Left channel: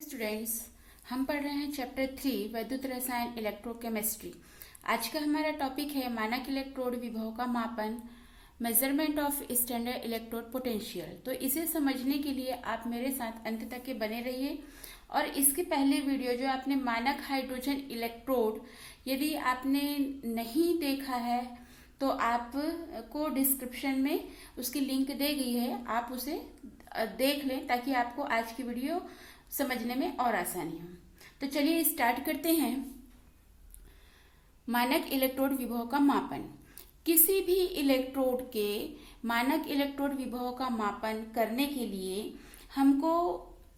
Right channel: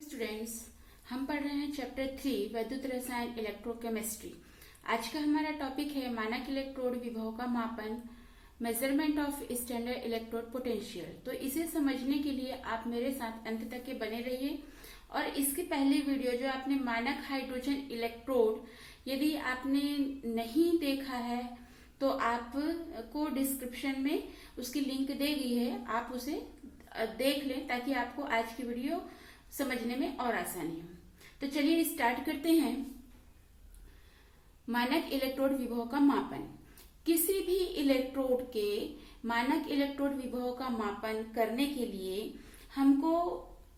Students, हम पढ़ रहे हैं चैप्टर 3 वैद्युत रसायन इलेक्ट्रोकेमिस्ट्री। आज का हमारा टॉपिक है मानक इलेक्ट्रोड विभव का मापन, measurement of standard electrode potential. तो इसे समझने के लिए आप मेरे साथ अंत तक के बने रहिए। और इसकी पहली वीडियो जो आपने मानक हाइड्रोजन इलेक्ट्रोड, यदि आपने नहीं देखा है तो आपको डिस्क्रिप्शन में उसकी लिंक दी गई है, आप उसे देख लें ताकि आपको आज की वीडियो समझने में और आसानी हो। तो चलिए स्टार्ट करते हैं। मानक इलेक्ट्रोड विभव का मापन। किसी भी इलेक्ट्रोड के मानक इलेक्ट्रोड विभव का मापन करने के लिए हमको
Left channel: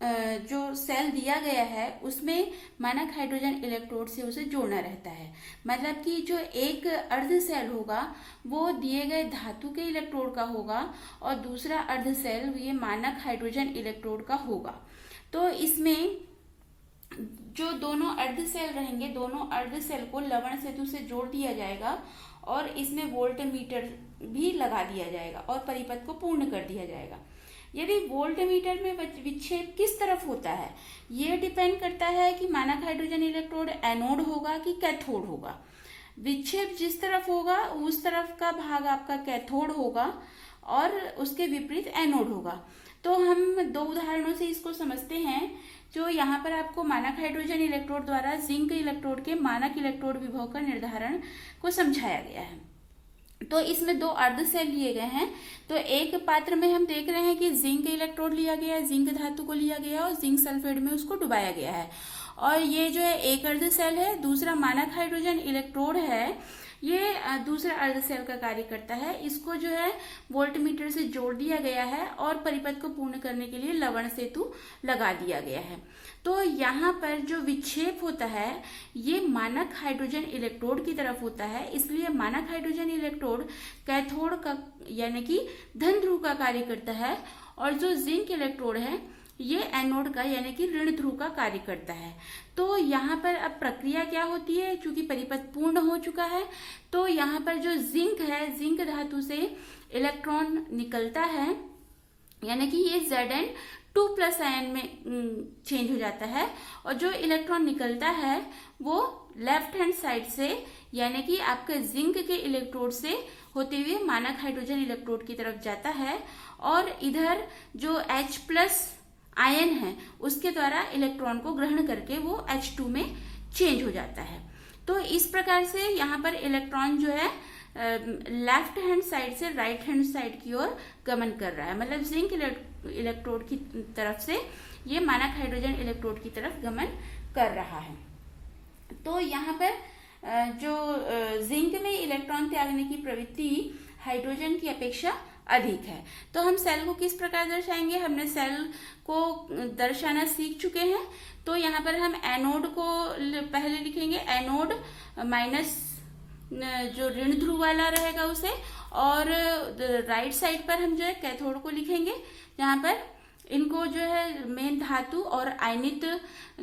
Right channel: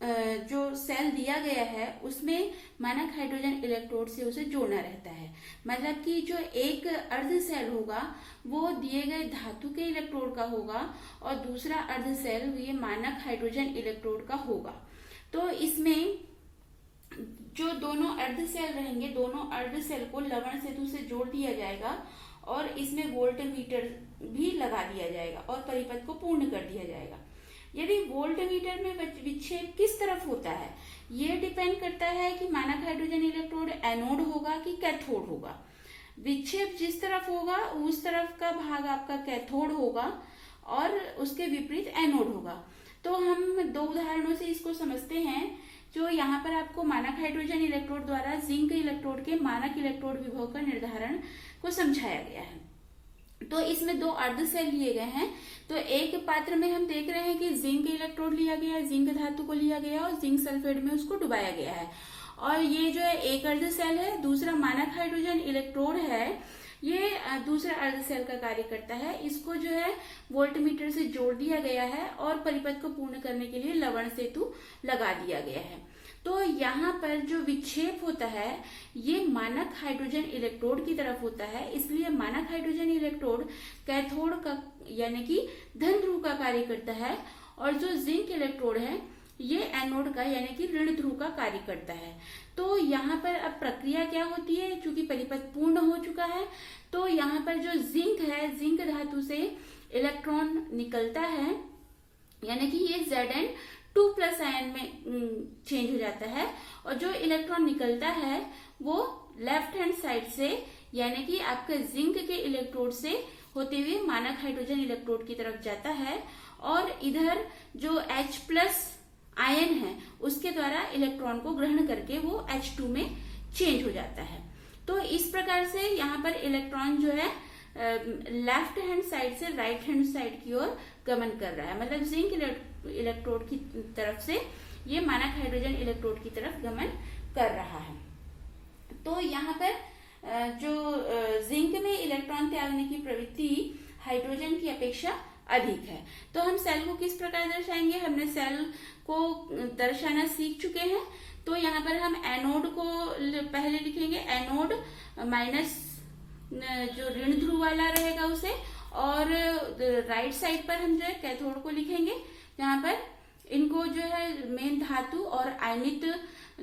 जो सेल दिया गया है उसमें मानक हाइड्रोजन इलेक्ट्रोड से उसे जोड़ना रहता है। मतलब कि जो एक अर्ध सेल होगा वो दिए गए धातु के इलेक्ट्रोड का होगा और दूसरा अर्ध सेल ये मानक हाइड्रोजन इलेक्ट्रोड का होगा। तो इसमें जो दोनों अर्ध सेल रहेंगे, दोनों अर्ध सेल को लवण सेतु से जोड़ दिया जाएगा और इसमें वोल्टमीटर भी लगा दिया जाएगा और परिपथ को पूर्ण कर दिया जाएगा। यदि वोल्टमीटर में विक्षेप किस तरफ होता है, ये डिपेंड करता है कि मानक हाइड्रोजन इलेक्ट्रोड एनोड होगा कि कैथोड होगा। विक्षेप जिस तरफ होगा उस तरफ का भाग आपका कैथोड होगा और उसके विपरीत एनोड होगा। तो हम दो उदाहरणों से इसको समझते हैं। जो यहाँ पर आपको मानक हाइड्रोजन इलेक्ट्रोड द्वारा जिंक इलेक्ट्रोड के मानक इलेक्ट्रोड विभव का निर्धारण को समझाया गया है। तो इसमें दो अर्ध सेल लिए गए हैं। तो एक पात्र में हम देख रहे हैं कि जिंक इलेक्ट्रोड लिया गया है, जिंक धातु को लिया गया है और जिंक सल्फेट में उसको डुबाया गया है। और ये जो है एक अर्ध सेल है, दूसरा मानक हाइड्रोजन इलेक्ट्रोड है, ये दूसरा अर्ध सेल का कार्य करता है। इसको जो है वोल्टमीटर से जोड़ दिया गया है और परिपथ को पूर्ण करने के लिए लवण सेतु लगा दिया गया है। तो यहाँ पर जो विक्षेप होता है ये मानक हाइड्रोजन इलेक्ट्रोड की तरफ होता है, इसलिए मानक हाइड्रोजन इलेक्ट्रोड कैथोड का यानी कि धन ध्रुव का कार्य करता है और जो जिंक इलेक्ट्रोड है ये एनोड का यानी कि ऋण ध्रुव का कार्य करता है। तो यहाँ पर अब प्रक्रिया क्या होती है, चूंकि परिपथ पूर्ण हो चुका है तो यहाँ पर जो जिंक है, जिंक धातु से इलेक्ट्रॉन निकलता है यानी कि ये Zn2+ आयन में चेंज हो जाता है और जो इलेक्ट्रॉन निकलता है वो लेफ्ट हैंड साइड से यानी कि आपके जिंक के इलेक्ट्रोड से होते हुए मानक हाइड्रोजन इलेक्ट्रोड की तरफ जाता है और इधर जो H+ आयन है उसके द्वारा इलेक्ट्रॉन को ग्रहण करके वो H2 में चेंज हो जाता है। तो इस प्रकार से यहाँ पर इलेक्ट्रॉन जो है लेफ्ट हैंड साइड से राइट हैंड साइड की ओर गमन कर रहा है। मतलब जिंक इलेक्ट्रोड की तरफ से ये मानक हाइड्रोजन इलेक्ट्रोड की तरफ गमन कर रहा है। तो यहाँ पर जो जिंक में इलेक्ट्रॉन त्यागने की प्रवृत्ति हाइड्रोजन की अपेक्षा अधिक है। तो हम सेल को किस प्रकार दर्शाएंगे, हमने सेल को दर्शाना सीख चुके हैं। तो यहाँ पर हम एनोड को पहले लिखेंगे, एनोड माइनस जो ऋण ध्रुव वाला रहेगा उसे, और राइट साइड पर हम जो है कैथोड को लिखेंगे, जहाँ पर इनको जो है मेन धातु और आयनित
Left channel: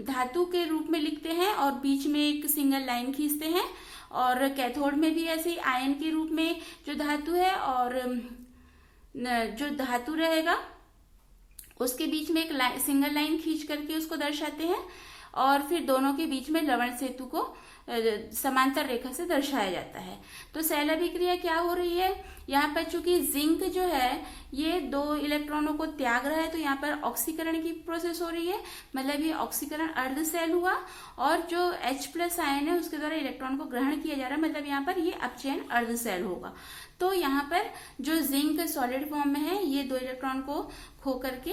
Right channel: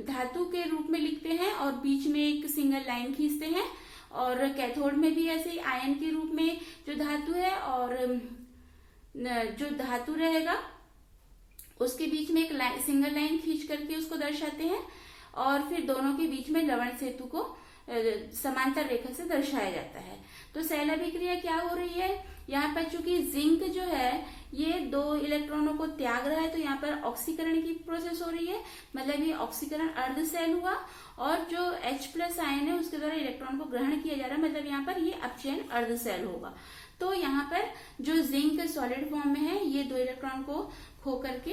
धातु के रूप में लिखते हैं और बीच में एक सिंगल लाइन खींचते हैं। और कैथोड में भी ऐसे आयन के रूप में जो धातु है और जो धातु रहेगा उसके बीच में एक सिंगल लाइन खींच करके उसको दर्शाते हैं और फिर दोनों के बीच में लवण सेतु को समांतर रेखा से दर्शाया जाता है। तो सेल अभिक्रिया क्या हो रही है, यहाँ पर चूंकि जिंक जो है ये दो इलेक्ट्रॉनों को त्याग रहा है तो यहाँ पर ऑक्सीकरण की प्रोसेस हो रही है। मतलब ये ऑक्सीकरण अर्ध सेल हुआ और जो H+ आयन है उसके द्वारा इलेक्ट्रॉन को ग्रहण किया जा रहा है। मतलब यहाँ पर ये अपचयन अर्ध सेल होगा। तो यहाँ पर जो जिंक सॉलिड फॉर्म में है ये दो इलेक्ट्रॉन को खो करके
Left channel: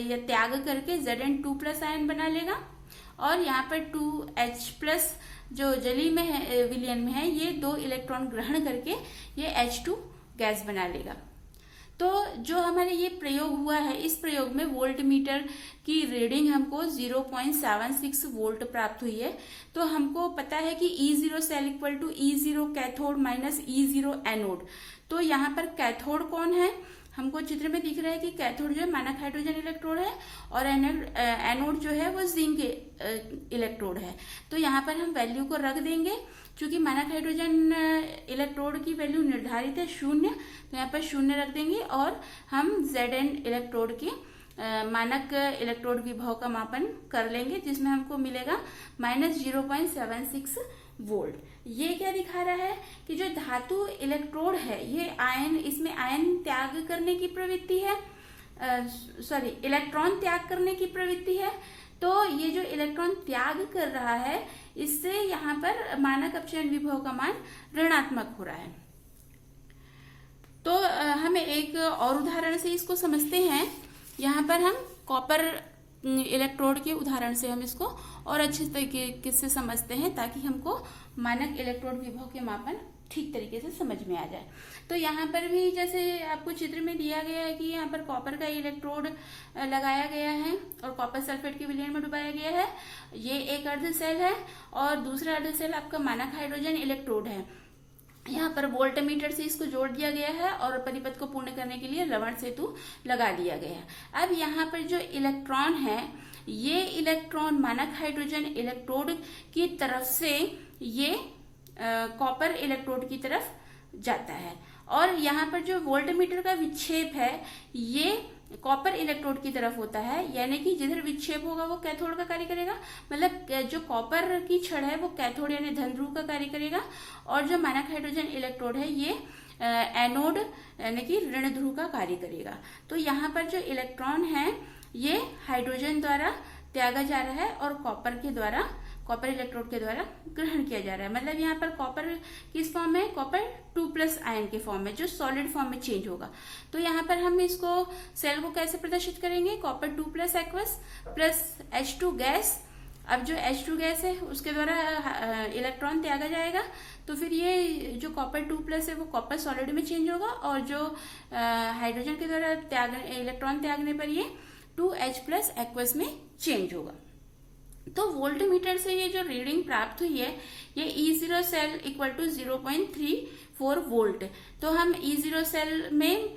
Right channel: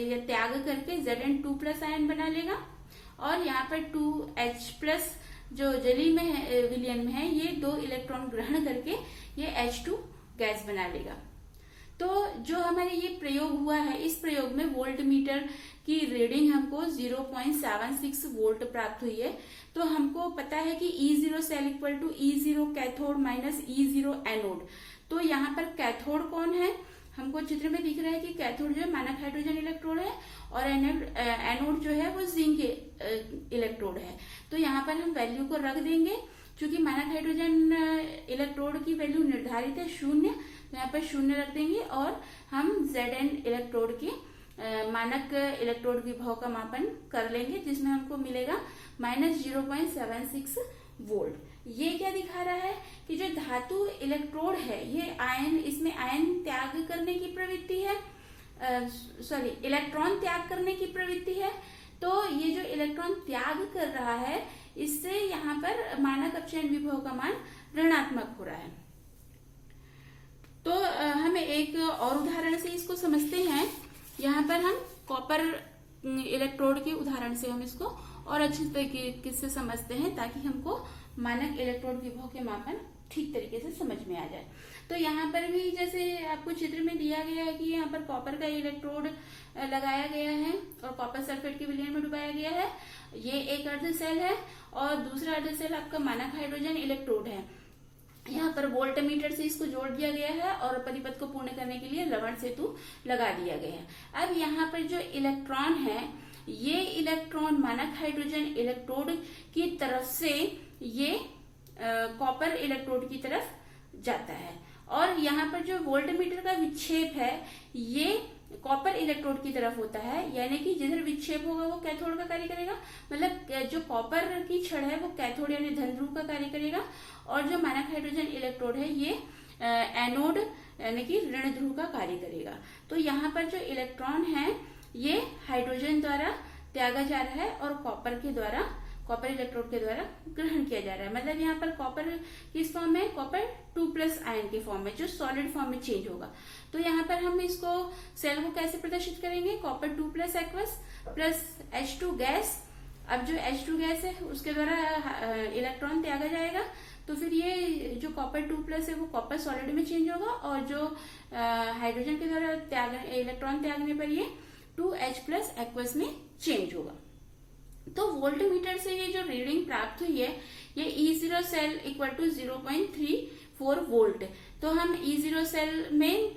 या त्याग करके Zn2+ आयन बना लेगा और यहाँ पर 2H+ जो जली में है, विलयन में है, ये दो इलेक्ट्रॉन ग्रहण करके ये H2 गैस बना लेगा। तो जो हमारे ये प्रयोग हुआ है, इस प्रयोग में वोल्टमीटर की रीडिंग हमको 0.76 वोल्ट प्राप्त हुई है। तो हमको पता है कि E0 cell equal to E0 cathode minus E0 anode. तो यहाँ पर कैथोड कौन है, हमको चित्र में दिख रहा है कि कैथोड जो है मानक हाइड्रोजन इलेक्ट्रोड है और एनोड जो है वो जिंक इलेक्ट्रोड है। तो यहाँ पर हम वैल्यू को रख देंगे। चूंकि मानक हाइड्रोजन इलेक्ट्रोड की वैल्यू निर्धारित है 0, तो यहाँ पर 0 रख देंगे और हम Zn इलेक्ट्रोड के मानक इलेक्ट्रोड विभव का मापन कर लेंगे, जिसमें हमको मिलेगा -0.76 वोल्ट। ये क्या दिखा रहा है कि जो धातु इलेक्ट्रोड है ये आयन, इसमें आयन त्याग करने की प्रवृत्ति है, इलेक्ट्रॉन त्याग करने की प्रवृत्ति है। तो ये जो इलेक्ट्रॉन त्याग कर रहा है इससे यहाँ पर मानक अपचयन विभव का मान ऋणात्मक हो रहा है। तो हम एक और उदाहरण से इसको समझते हैं। यहाँ पर हम कॉपर इलेक्ट्रोड के उदाहरण से हम इसको और अच्छे तरीके से समझते हैं, ताकि हमको मानक इलेक्ट्रोड विभव के मापन ठीक तरीके से समझ में आ जाए। तो यहाँ पर भी जैसे आपको चित्र में दिया गया है कि यहाँ पर कॉपर का इलेक्ट्रोड लगाया गया है और कॉपर सल्फेट के विलयन में डुबाया गया है। ये एक अर्ध सेल है और दूसरा अर्ध सेल आपका मानक हाइड्रोजन इलेक्ट्रोड है। यहाँ पर वोल्टमीटर से इसको जोड़ दिया गया है और परिपथ को पूर्ण करने के लिए लवण सेतु लगा दिया गया है। अब यहाँ पर जो इलेक्ट्रॉन है, ये इलेक्ट्रॉन मानक हाइड्रोजन इलेक्ट्रोड की तरफ से ये कॉपर इलेक्ट्रोड की तरफ जाता है, और यहाँ पर जो वोल्टमीटर का विक्षेप है ये कॉपर इलेक्ट्रोड की तरफ होता है, यानी कि जिधर विक्षेप होगा वो कैथोड का कार्य करेगा। मतलब जो कॉपर की छड़ है वो कैथोड यानी धन ध्रुव का कार्य करेगा, और जो मानक हाइड्रोजन इलेक्ट्रोड है ये एनोड यानी कि ऋण ध्रुव का कार्य करेगा। तो यहाँ पर जो इलेक्ट्रॉन है ये हाइड्रोजन द्वारा त्यागा जा रहा है और कॉपर इलेक्ट्रोड के द्वारा ग्रहण किया जा रहा है। मतलब यहाँ पर कॉपर किस फॉर्म में, कॉपर 2+ आयन के फॉर्म में, जो सॉलिड फॉर्म में चेंज होगा। तो यहाँ पर हम इसको सेल को कैसे प्रदर्शित करेंगे, copper 2+ aqueous plus H2 gas. अब जो H2 गैस है उसके द्वारा इलेक्ट्रॉन त्यागा जाएगा, तो फिर ये जो कॉपर 2+ है वो कॉपर सॉलिड में चेंज होगा, और जो हाइड्रोजन के द्वारा इलेक्ट्रॉन त्यागने पर ये 2H+ एक्वस में चेंज होगा। तो वोल्टमीटर से ये जो रीडिंग प्राप्त हुई है ये E0 cell equal to 0.34 volt. तो हम E0 सेल में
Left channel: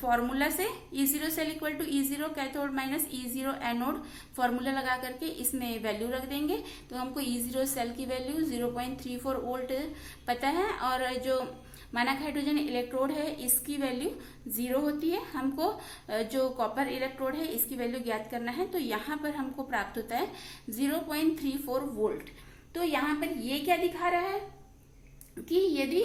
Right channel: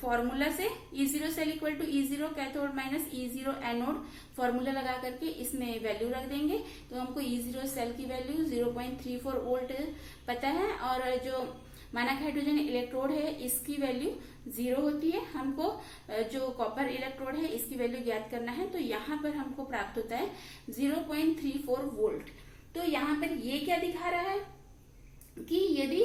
फॉर्मूला से E0 cell equal to E0 cathode minus E0 anode formula लगा करके इसमें वैल्यू रख देंगे। तो हमको E0 सेल की वैल्यू 0.34 वोल्ट पता है, और जो मानक हाइड्रोजन इलेक्ट्रोड है इसकी वैल्यू 0 होती है। हमको जो कॉपर इलेक्ट्रोड है इसकी वैल्यू ज्ञात करना है, तो यहाँ पर हमको प्राप्त होता है 0.34 वोल्ट। तो यहाँ पर ये क्या दिखा रहा है कि यदि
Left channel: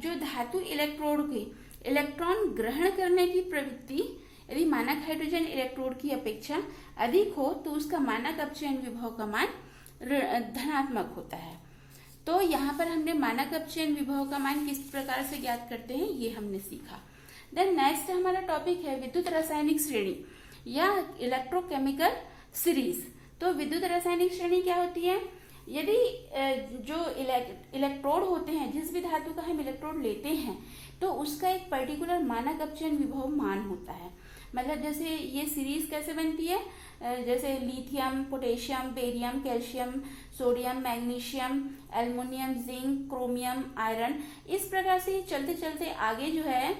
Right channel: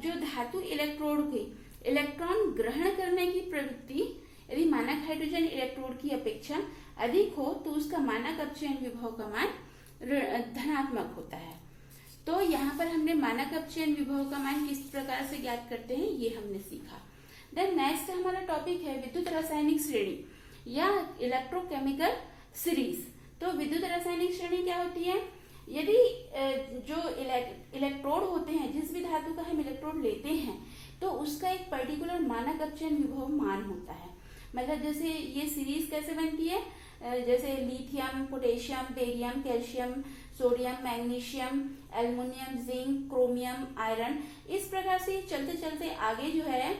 जो धातु इलेक्ट्रोड की इलेक्ट्रॉन ग्रहण करने की प्रवृत्ति यदि मानक हाइड्रोजन इलेक्ट्रोड की अपेक्षा अधिक हो तो उसका मानक अपचयन विभव का मान धनात्मक होता है। तो यहाँ पर हमने मानक अपचयन विभव का मान किस प्रकार से ज्ञात करते हैं ये हमने सीखा। देन नेक्स्ट हमारा टॉपिक है विद्युत रासायनिक श्रेणी या इलेक्ट्रोकेमिकल सीरीज। तो विद्युत रासायनिक श्रेणी क्या होती है, यदि जो इलेक्ट्रोड होते हैं, जिस भी धातु का हम इलेक्ट्रोड लेते हैं तो उसका एक पर्टिकुलर मानक अपचयन विभव मान होता है। मतलब जैसे ये सीरीज कैसे बनती है, जैसे lithium, potassium, barium, calcium, sodium, magnesium, aluminium, zinc, chromium, iron, इस प्रकार से चलते चलते आगे जो है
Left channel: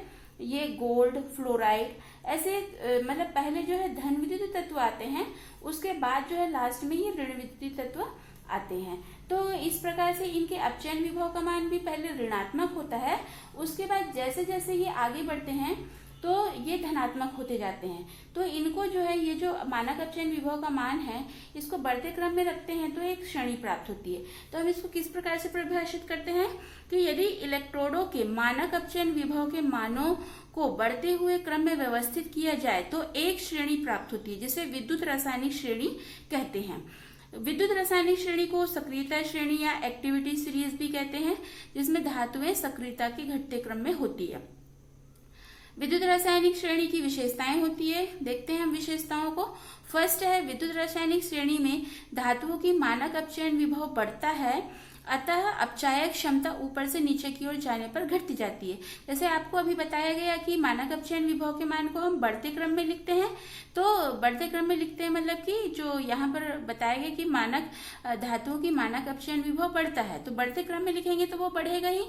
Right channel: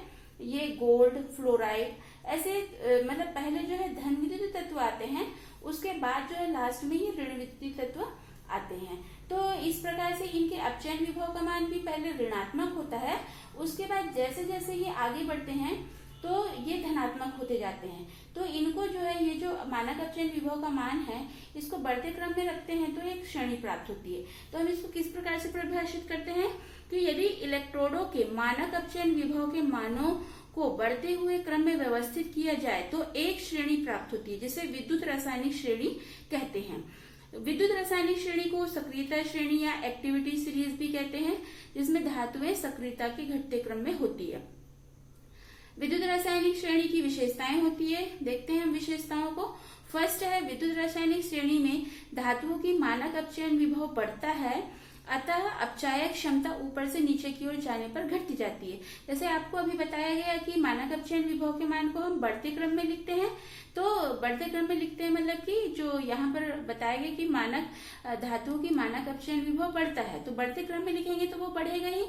ये गोल्ड, फ्लोराइड, ऐसे मतलब पहले जो है धन विद्युत तत्व आते हैं, उसके बाद जो है लास्ट में ये ऋण विद्युत तत्व आते हैं। तो इस प्रकार से इनके अपचयन विभव का मान भी पहले ऋणात्मक होता है, उसके बाद जैसे जैसे ये आगे बढ़ते हैं तो ये धनात्मक होते जाते हैं। तो इनको जो है ये जो मानक अपचयन विभव का मान है इसको बढ़ते क्रम में रखते हैं तो एक श्रेणी प्राप्त होती है। तो हम इसको किस प्रकार से परिभाषित करते हैं कि यदि इलेक्ट्रोडों के मानक अपचयन विभव के मानों को बढ़ते हुए क्रम में व्यवस्थित किया जाए तो एक श्रेणी प्राप्त होती है, जिसे विद्युत रासायनिक श्रेणी कहते हैं। विद्युत रासायनिक श्रेणी को सक्रियता श्रेणी या एक्टिविटी सीरीज भी कहते हैं, जिसमें धातुएं सक्रियता के घटते क्रम में होती है। विद्युत रासायनिक श्रेणी की विशेषताएं होती है, देखते हैं हम विशेषताओं को। फर्स्ट है विद्युत रासायनिक श्रेणी में धातुओं की मानक अपचयन विभव बढ़ता है, अतः अपचायक क्षमता ऊपर से नीचे की ओर जाने पर घटती जाती है। जैसे आपको अभी बताया गया कि मानक अपचयन विभव के मान को हम बढ़ते क्रम में लिखते हैं, तो बढ़ते क्रम में लिखते हैं मतलब कि जो यहाँ पर बताया गया कि मानक धातुओं की मानक अपचयन विभव बढ़ता है, तो बढ़ते क्रम में लिखेंगे तो वो बढ़ेगा ही,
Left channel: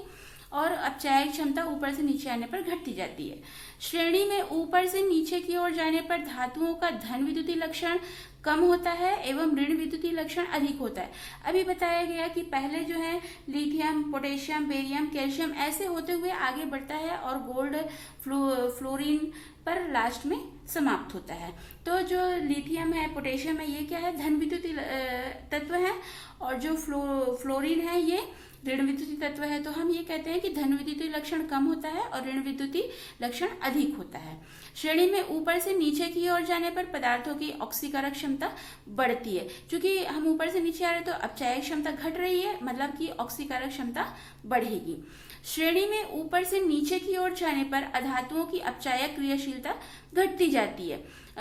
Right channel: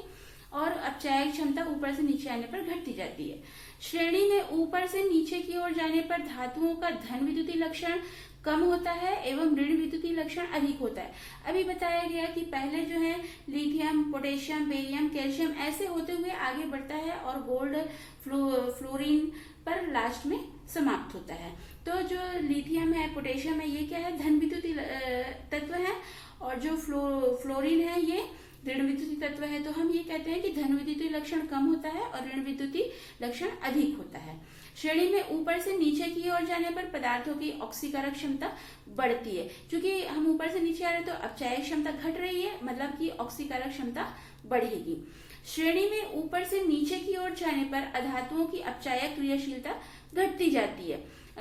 और अपचायक क्षमता ऊपर से नीचे आने पर घटती जाती है। श्रेणी में ऊपर से नीचे की ओर जाने पर धातुओं का धन विद्युतीय लक्षण कम होता है एवं ऋण विद्युतीय लक्षण अधिक होता है। अभी बताया गया कि पहले जो है लिथियम, पोटेशियम, बेरियम, कैल्शियम ऐसे होते हुए आगे बढ़ता है और गोल्ड, फ्लोरीन, पर लास्ट में समाप्त होता है। तो जो लिथियम है, पोटेशियम है, ये क्या है, धन विद्युतीय तत्व है, और जो फ्लोरीन है ये ऋण विद्युतीय तत्व है। तो हम ये कहते हैं कि धन विद्युतीय लक्षण कम होता है और ऋण विद्युतीय लक्षण अधिक होता है। श्रेणी में ऊपर से नीचे की ओर जाने पर पदार्थों की ऑक्सीकारक क्षमता बढ़ती है। क्योंकि हम ऊपर से नीचे आ रहे हैं तो अपचायक क्षमता घट रही है, मतलब कि ऑक्सीकारक क्षमता बढ़ेगी। श्रेणी में ऊपर से नीचे की ओर जाने पर अधातुओं की अपचायक क्रियाशीलता घटती जाती है।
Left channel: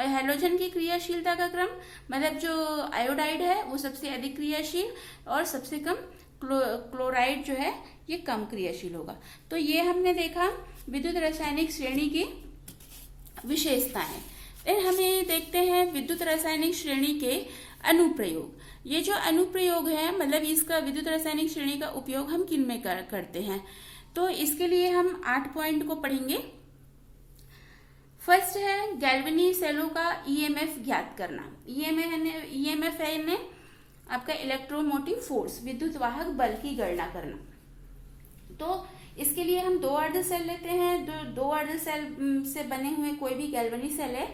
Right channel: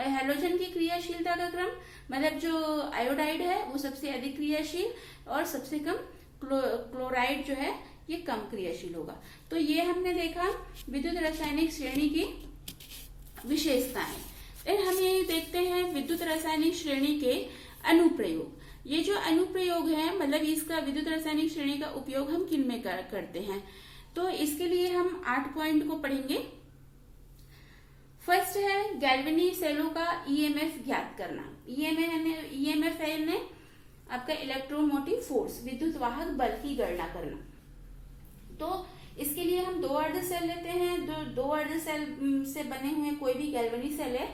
हैलोजन की क्रियाशीलता का क्रम, मतलब जो आयोडाइड है वो सबसे अधिक क्रियाशील और सबसे कम क्लोराइड जो है ये कम क्रियाशील होगा। तो ये हमने देखा विद्युत रासायनिक श्रेणी की विशेषताएं। फिर हमें देखते हैं विद्युत रासायनिक श्रेणी के अनुप्रयोग। ये जो अनुप्रयोग है, मतलब इसका विद्युत रासायनिक श्रेणी का उपयोग हम किन में करते हैं, तो इसके लिए हम 8 पॉइंट को पढ़ेंगे। फर्स्ट है गैल्वेनी सेलों का ईएमएफ ज्ञात करना। ईएमएफ है आपका इलेक्ट्रोमोटिव फोर्स, विद्युत वाहक बल की गणना करना। तो इसके लिए हम 2 अर्ध सेल लेते हैं। 2 अर्ध सेल से बने हुए कोई भी गैल्वेनी सेल है,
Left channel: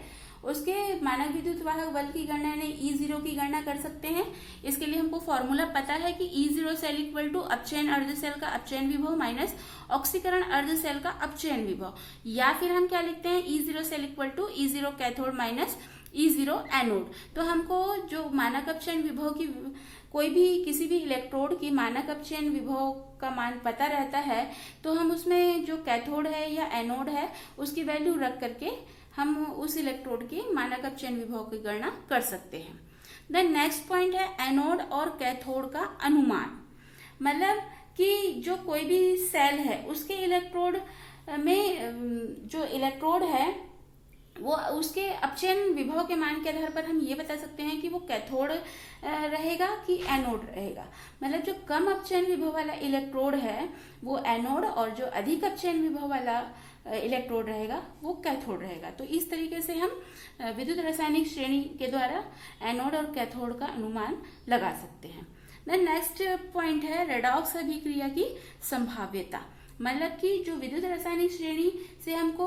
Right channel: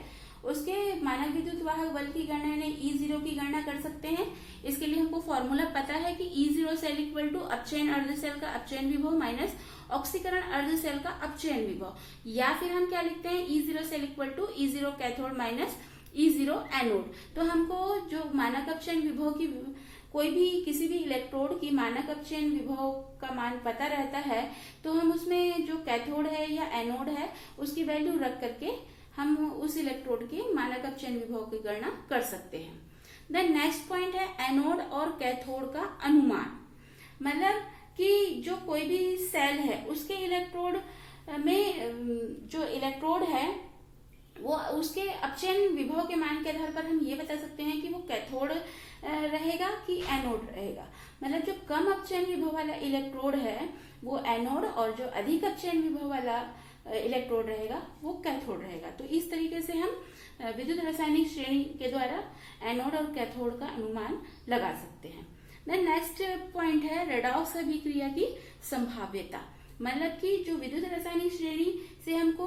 उसके मानक विद्युत वाहक बल की गणना यानी E0 की गणना कर सकते हैं। इसके लिए हमको फॉर्मूला पता है कि E0 सेल इक्वल टू अपचयन अर्ध सेल का अपचयन विभव माइनस ऑक्सीकरण अर्ध सेल का अपचयन विभव, या फिर हम क्या लिखते हैं, E0 cell equal to E0 cathode minus E0 anode. तो हमको जो मानक अपचयन विभव की कोई भी किसी भी इलेक्ट्रोड की मानक अपचयन विभव का मान पता रहता है, तो हम उसमें जो कैथोड है या एनोड है उसकी वैल्यू रख करके हम उस इलेक्ट्रोड की मानक अपचयन विभव की गणना कर सकते हैं। देन नेक्स्ट पॉइंट है एनोड और कैथोड का अनुमान, मतलब कि जो कोई भी सेल है उसके इलेक्ट्रोड में जो इलेक्ट्रोड है वो उसके अपचयन विभव के मान के आधार पर हम ये बता सकते हैं कि वो कैथोड रहेगा कि एनोड रहेगा। मतलब जो कम अपचयन विभव वाला इलेक्ट्रोड है वो एनोड, और जो अधिक अपचयन विभव वाला इलेक्ट्रोड रहेगा वो कैथोड रहेगा। तो इस तरीके से हम विद्युत रासायनिक श्रेणी के द्वारा एनोड और कैथोड का अनुमान लगा सकते हैं। देन नेक्स्ट पॉइंट है रेडॉक्स अभिक्रिया की संभाव्यता, मतलब कि जो विद्युत रासायनिक श्रेणी से हमको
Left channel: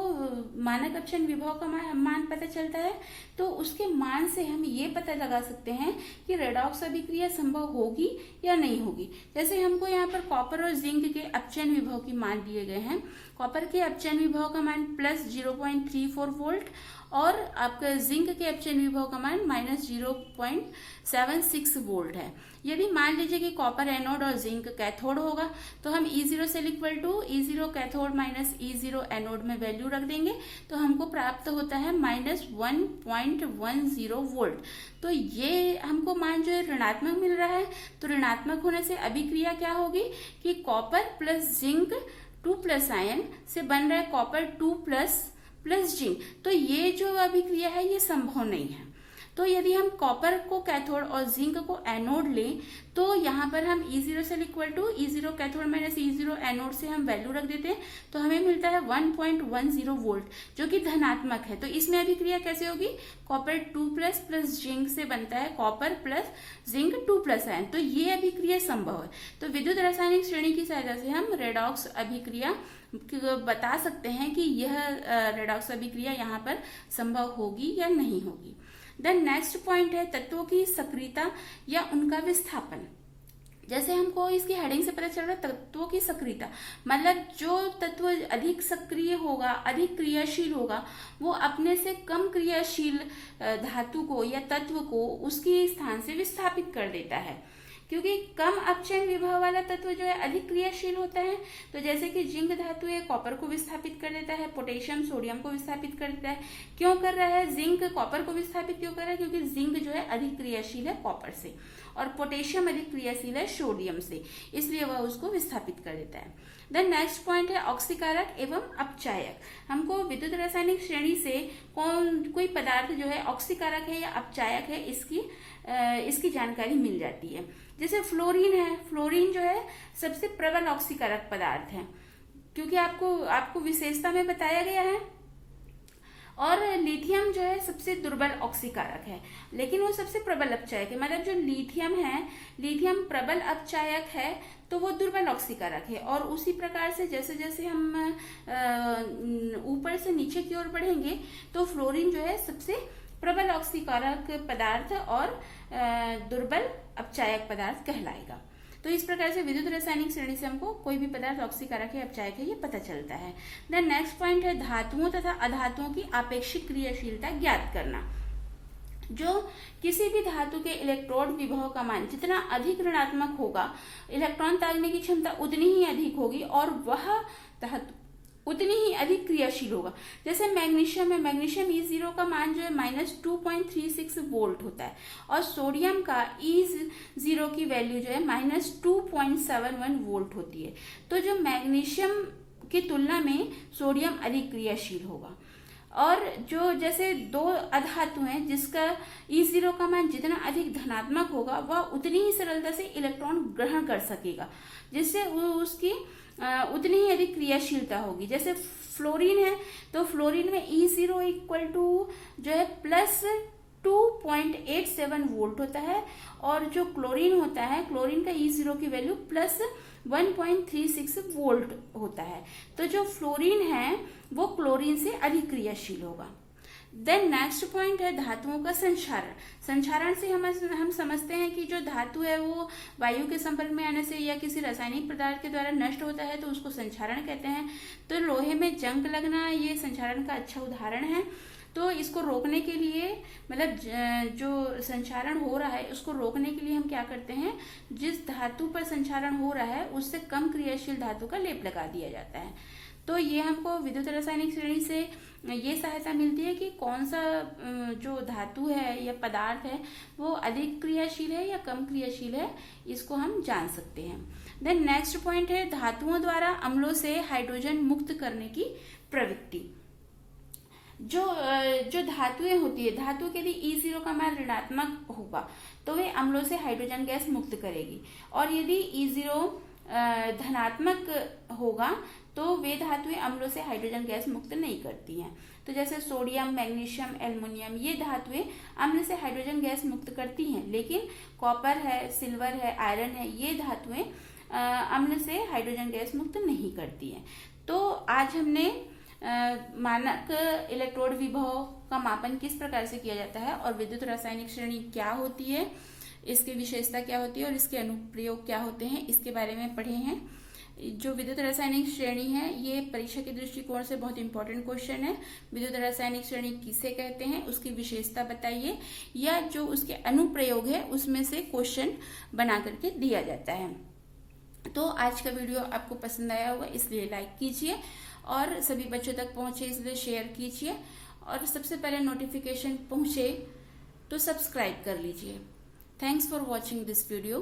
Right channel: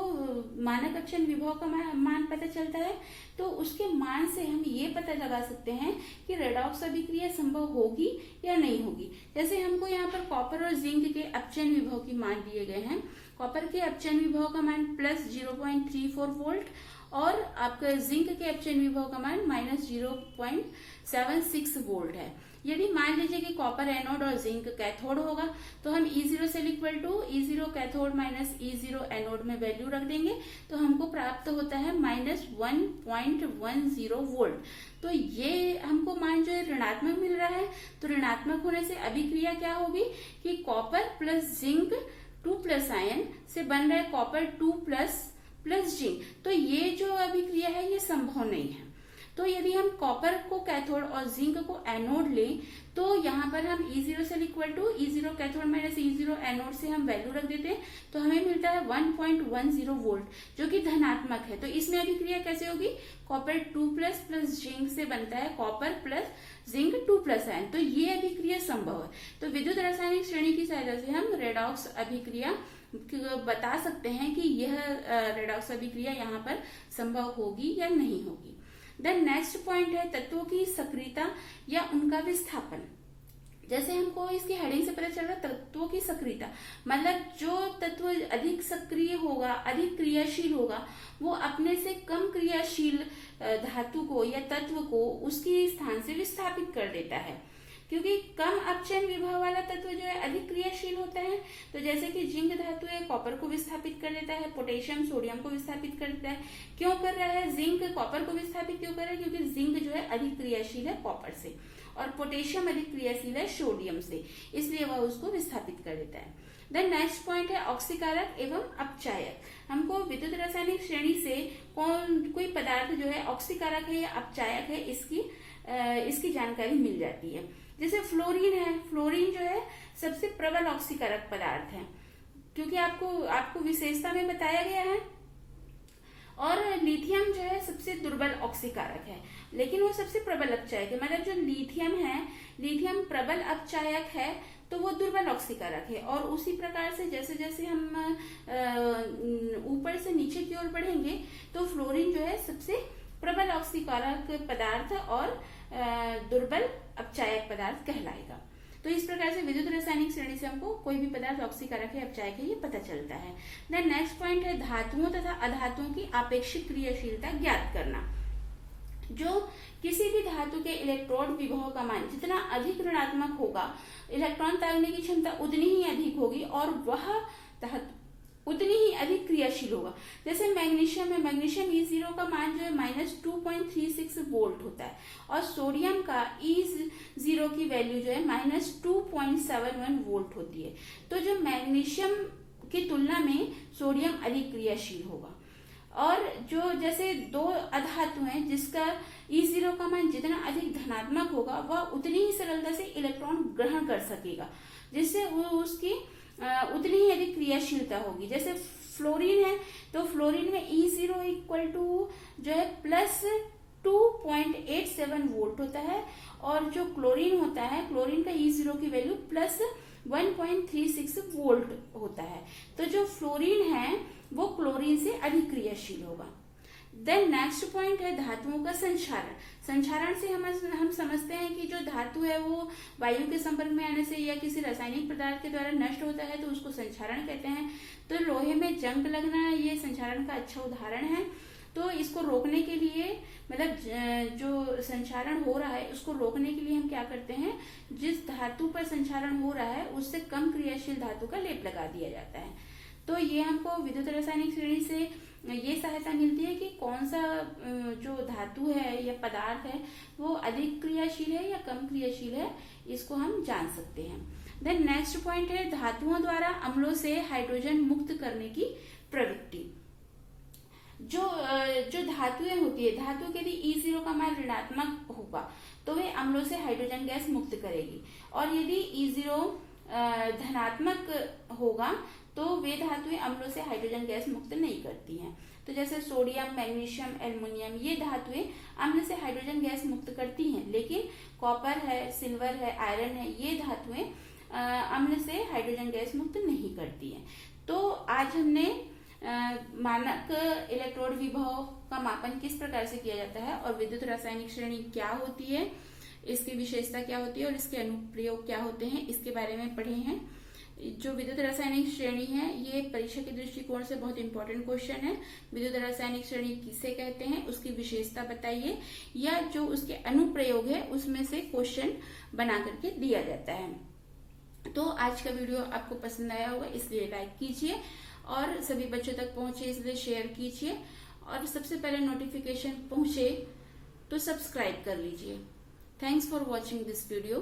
मानक अपचयन विभव का मान पता चलता है, तो उसके मान से हम ये पता लगा सकते हैं कि रेडॉक्स अभिक्रिया संभव होगी या नहीं होगी। जैसे हमको यहाँ पर कॉपर और जिंक के अपचयन विभव की मान दिए गए हैं। कॉपर के अपचयन विभव का मान प्लस 0.34 वोल्ट और आपका जिंक के अपचयन विभव का मान माइनस 0.76 वोल्ट है। यदि मान लीजिए कि कॉपर एनोड और जिंक कैथोड होगा, तो हम E0 cell equal to E0 cathode minus E0 anode में वैल्यू रख देंगे, तो हमको प्राप्त होता है माइनस 1.10 वोल्ट। तो ये हमको मान जो है ऋणात्मक मिल रहा है। तो ऋणात्मक होने से अभिक्रिया क्या होगी कि कॉपर प्लस जिंक 2+ आयन से बन रहा है कॉपर 2+ जिंक। तो ये जो अभिक्रिया है ये संभव नहीं है। तो यदि हम कॉपर को कैथोड और जिंक को एनोड लें, तो यहाँ पर हम E0 cell equal to E0 cathode minus E0 anode से हम वैल्यू रख देते हैं, तो हमें मिलता है 1.10 वोल्ट, जो कि धनात्मक है। तो इसमें अभिक्रिया कैसे होगी, कॉपर 2+ प्लस जिंक से बनता है कॉपर प्लस जिंक 2+ आयन। तो ये अभिक्रिया संभव है। तो विद्युत रासायनिक श्रेणी की सहायता से हम रेडॉक्स अभिक्रिया बता सकते हैं कि यह रेडॉक्स अभिक्रिया यहाँ पर संभव होगी या नहीं होगी। देन नेक्स्ट पॉइंट है तत्वों की सक्रियता या उनका विस्थापन। जैसे हमको इसकी हेडिंग से पता चल रहा है तत्वों की सक्रियता, मतलब जो तत्व अधिक सक्रिय होगा, अधिक क्रियाशील होगा, वो अपने से कम क्रियाशील धातु को या तत्व को उसकी स्थान से विस्थापित कर देता है। क्योंकि कम अपचयन विभव वाला तत्व जो है अधिक क्रियाशील होता है। तो जैसे कि जिंक धातु है कॉपर को विस्थापित कर देता है, पोटेशियम सोडियम को विस्थापित कर देता है। क्यों कर रहा है, जिंक कॉपर को विस्थापित क्यों कर रहा है, क्योंकि जिंक जो है अधिक क्रियाशील है कॉपर से और पोटेशियम अधिक क्रियाशील है सोडियम से, इसलिए वह उसको विस्थापित कर देता है। देन नेक्स्ट पॉइंट है ऑक्सीकारक एवं अपचायक। हमको विद्युत रासायनिक श्रेणी से कोई पदार्थ जो है ऑक्सीकारक है या अपचायक है इसकी जानकारी मिल जाती है। जैसे फ्लोरीन है, फ्लोरीन जो है सबसे प्रबल ऑक्सीकारक पदार्थ है, क्योंकि आपको विशेषता में बताया गया है। और लिथियम जो है सबसे दुर्बल ऑक्सीकारक है, लेकिन वो सबसे प्रबल अपचायक है। मतलब जो लिथियम है, लिथियम प्रबल अपचायक है तो वो दुर्बल ऑक्सीकारक है। और उसी प्रकार से जैसे जैसे हम ऊपर से नीचे की ओर बढ़ेंगे तो फ्लोरीन जो है सबसे प्रबल ऑक्सीकारक पदार्थ और दुर्बल अपचायक पदार्थ कहलाएगा। तो इस प्रकार से विद्युत रासायनिक श्रेणी से हमको कोई भी पदार्थ ऑक्सीकारक है, अपचायक है, ये पता चलता है। देन नेक्स्ट पॉइंट है धातुओं तथा अधातुओं की आपेक्षिक क्रियाशीलता ज्ञात करना। जो किसी भी धातु के इलेक्ट्रोड विभव का मान जितना अधिक ऋणात्मक होगा, इलेक्ट्रॉन तागने की क्षमता उतनी ही अधिक होगी और वह धातु उतनी ही अधिक क्रियाशील होगा। जैसे मैग्नीशियम है, मैग्नीशियम E0 का मान जो है -2.36 वोल्ट होता है और सोडियम का E0 की वैल्यू जो है -2.71 वोल्ट होती है। तो जो मैग्नीशियम की तुलना में सोडियम अधिक क्रियाशील होगा। और जो जैसे दो अधातु हैं जिसका E0 का मान जितना अधिक धनात्मक होगा वह उतनी ही सरलता से इलेक्ट्रॉन ग्रहण कर सकेगा, जिससे वो उसकी उतनी ही अधिक क्रियाशीलता होगी। जैसे फ्लोरीन है तो फ्लोरीन में E0 इक्वल टू जो है +2.87 वोल्ट होता है और जो क्लोरीन होता है, क्लोरीन का E0 की वैल्यू +1.36 वोल्ट होता है। तो जो फ्लोरीन है वो क्लोरीन से अधिक क्रियाशील होगा। देन नेक्स्ट पॉइंट है धातुओं का संक्षारण। संक्षारण से हम समझते हैं कि जो धातु है वो वायु के संपर्क में आने से या किसी रासायनिक पदार्थ के द्वारा नष्ट होता है तो उसको संक्षारण कहते हैं। तो लोहे में जंग लगना ये संक्षारण का अच्छा उदाहरण है। तो इसको रोकने के लिए, मतलब जो संक्षारण हो रहा है उसको रोकने के लिए हम क्या करते हैं, जिस धातु पर संक्षारण हो रहा है उससे कम क्रियाशील धातु का लेप लगा दिया जाता है। तो ये हमको विद्युत रासायनिक श्रेणी से ये सहायता मिलती है कि कौन सा जो धातु है या पदार्थ है वो अधिक क्रियाशील है या कम क्रियाशील है, इसको हम जान सकते हैं। देन नेक्स्ट पॉइंट है धातुओं द्वारा अम्लों से हाइड्रोजन मुक्त करने की प्रवृत्ति। जो धातुएं होती है, धातु के यदि E0 का मान ऋणात्मक होगा तो वे अम्लों से हाइड्रोजन गैस मुक्त करेगी, और यदि E0 धनात्मक होगा तो वे धातुएं अम्लों से हाइड्रोजन गैस मुक्त नहीं करती हैं। तो जैसे सोडियम, मैग्नीशियम, एल्युमिनियम ये धातुएं अम्ल से हाइड्रोजन गैस मुक्त करती हैं, लेकिन कॉपर है, सिल्वर है, आयरन है, ये धातुएं अम्ल से हाइड्रोजन गैस मुक्त नहीं करती हैं। तो आज हमने मानक इलेक्ट्रोड विभव का मापन किस प्रकार से किया जाता है और विद्युत रासायनिक श्रेणी क्या होती है, इसकी विशेषता क्या होती है और इसके अनुप्रयोग क्या होते हैं, इसके बारे में पढ़े हैं। जो विद्युत रासायनिक श्रेणी है ये परीक्षा के दृष्टिकोण से बहुत इंपॉर्टेंट क्वेश्चन है। विद्युत रासायनिक श्रेणी किसे कहते हैं, उसकी विशेषता बताइए, या जो उसके अनुप्रयोग है उसमें से क्वेश्चन बना करके दिया जाता है। तो आज का वीडियो आपको पसंद आया होगा, इसलिए लाइक कीजिए और सभी बच्चों तक पहुंचे इसलिए शेयर कीजिए, और सबसे पहले नोटिफिकेशन पहुंचे तो सब्सक्राइब कर लीजिए। Thanks for watching this video.